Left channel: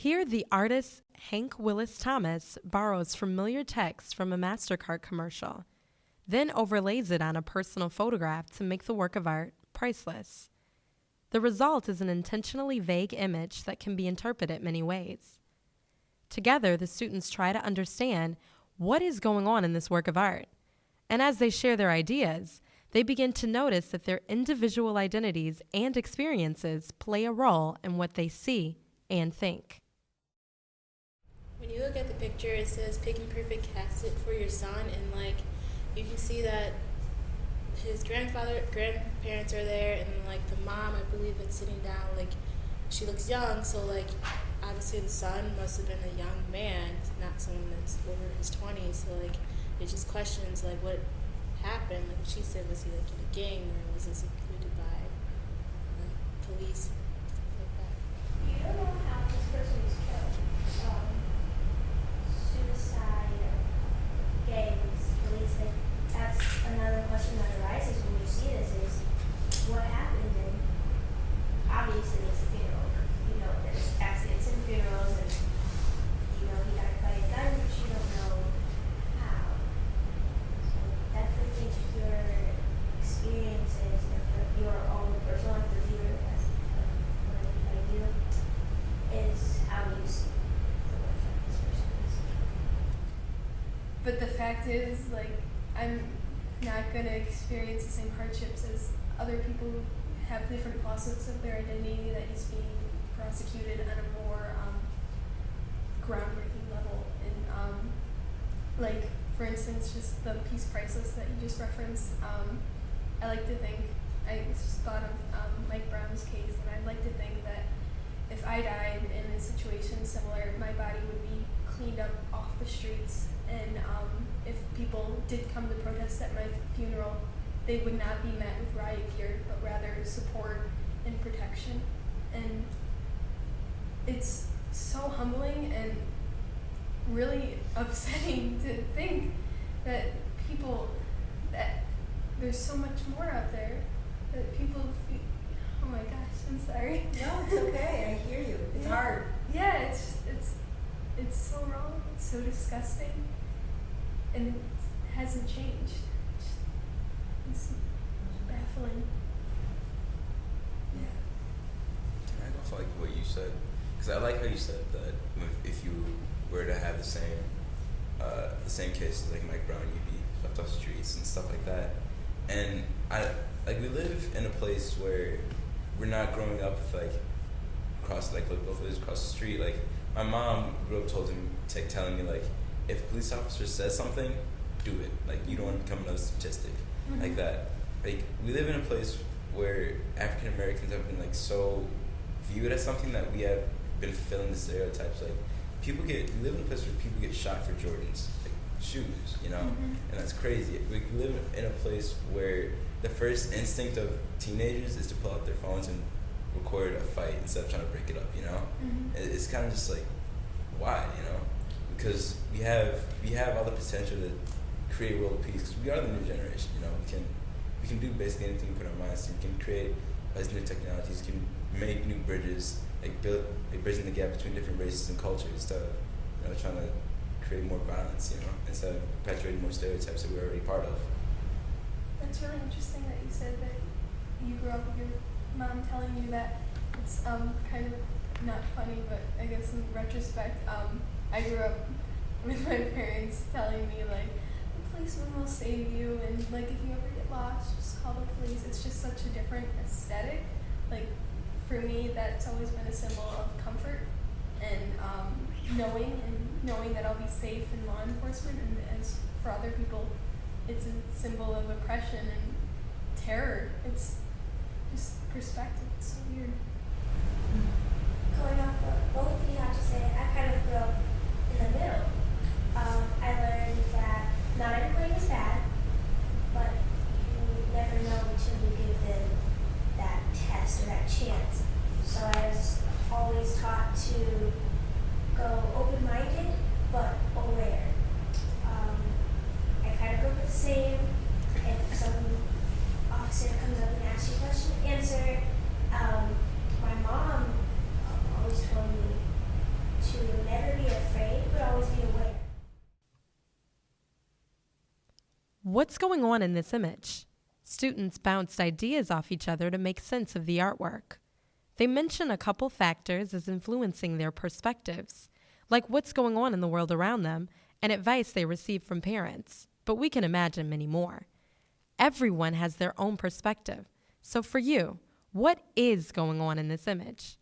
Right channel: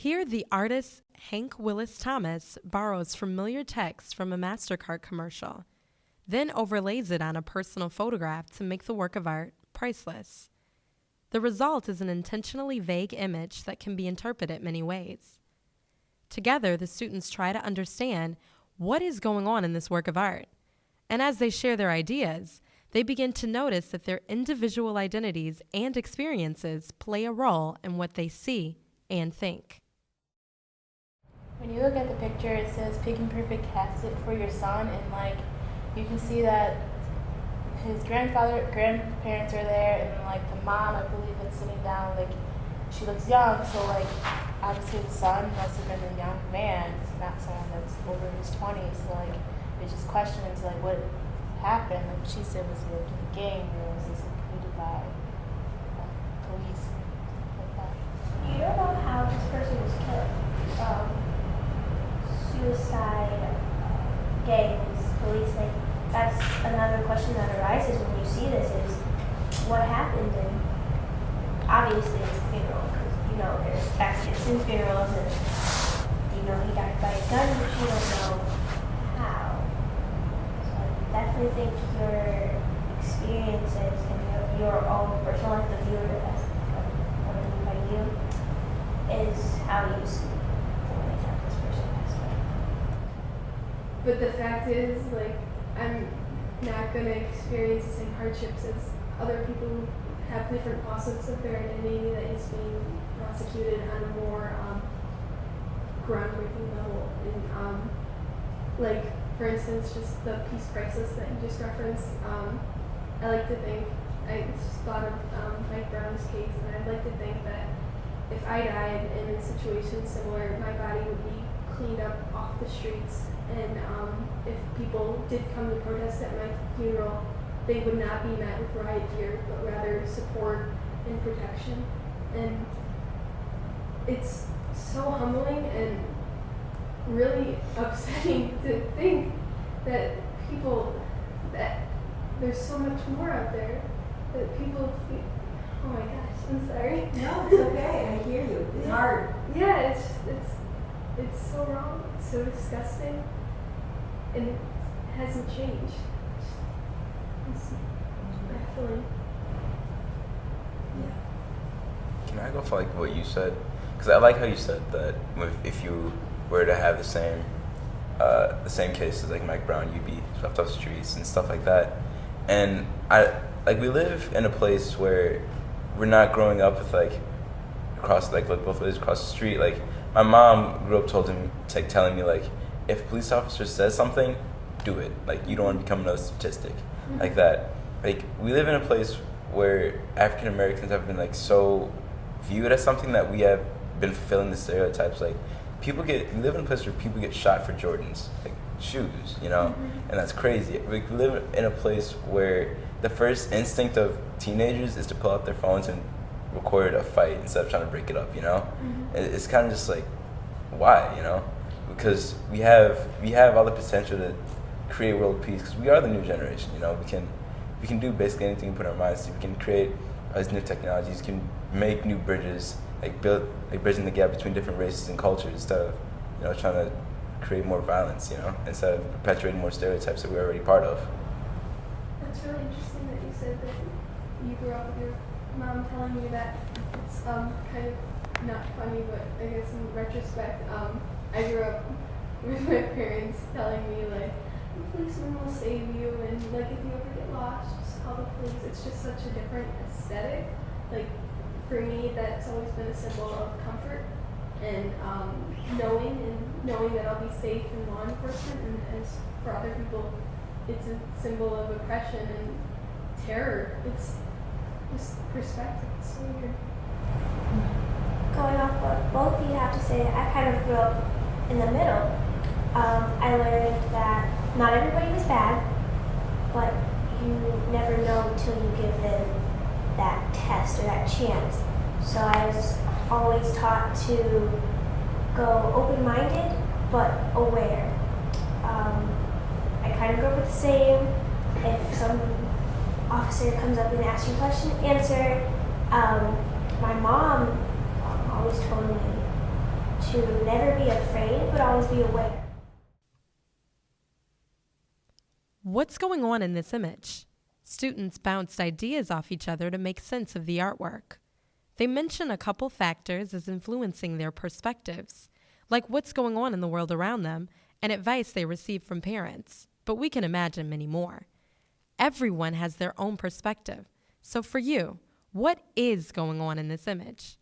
Here, the artist Hank Willis Thomas borrows familiar text from a MasterCard commercial, then overlays it on a personal photograph to make the work of art priceless. The result is an intentionally vague image that can be interpreted many ways. Together, the students try to understand what is going on in this work of art. And as they share their ideas, they begin to notice that their individual identities and experiences play a role in what they see and think. When you look at the picture, it says pick and perfect casket for your son, and you can see that his grandparents are there, and the mom, I believe, that's sitting down, she looks young, so obviously the son must have been a young man, not someone that's over his 20s. So there's just questions what happened. She said, was he in a gang, or was this recruited by police and stuff like that? You don't know how this person was killed. Suicide, gangs, police, that's another question that arises when you see this is what happened, and obviously it's a funeral, because there's caskets and funerals, and he died by a gun, but you don't know how. So I definitely think your experiences and your own personal life, the viewer, as what I mean by you, is how you see the way that this person passed away. But the fact is, I'm not going to experience the same hardships as other people who have different facets of their identity that is being prosecuted on a more groundbreaking level. And, for instance, just the piece Priceless that you just referenced, I like to think, I just thought of Mike Brown's case, and I'd like to think that if I died in a situation similar, my body would be cleaned up off the streets, and if people did come to protest at my funeral, they would not be met with riot gear, but rather support and protection. And it's so humbling and really upsetting to think that there's so much more out there that people feel. Oh my gosh, I'm sorry. No, it's okay. I hear you. It's hard. Yeah, it's so wrong. It's so disgusting, and it hasn't changed. It's baffling. Yeah. Can I go for what you said? Because I like how you said that if you were to have the same cases like Mike Brown, you'd be swept off the streets and stuff like that. And we live in a place where we're not growing up with across both ways across the street. My mom grew up telling me if a police officer says something, do it. You don't want to become another statistic. Like that. We live in a place where African Americans have been so viewed as something that we have been fulfilling the stereotypes. We live in a place where people get shot for Jordans, shoes, and that's crazy. We live in a place where the first instinct of teenagers is to pull out their phones and record a fight instead of trying to break it up, It's kind of just why, because we have all the potential to create world peace, because we are the new generation, we can do basically anything we put our minds to. We can create these new technologies, can make new bridges, bridging the gap between different races and cultures instead of, trying to create more violence, instead of perpetuating more stereotypes that we're already part of. That's really interesting that you said that you grew up with your mom telling you that. It's kind of not funny, but I guess in retrospect, I grew up with my parents telling me the policeman will save you, and if you ever get lost, just call the police. It's just such a different aesthetic. For me, that's always been a symbol of comfort and knowing that I'll be safe in law enforcement, and as for other people, it's a symbol of oppression and terror. It's just perspective. It's so weird. Going off what both of you have to say, I kind of grew up in the middle. I learned that not everybody was bad, but you never know until you give them that test or that chance. So I was always taught to go open-minded but aware. I kind of grew up with the same. If some officer comes up and asks you a question, answer. My mom always told me, be aware. What's going on in this image? Students bounced ideas off each other to make sense of the artwork. They mention a couple factors as influencing their perspectives, like what's going on in the world around them and advice they receive from parents, but we can imagine many more. Everyone has their own perspective. So for you, what is going on in this image?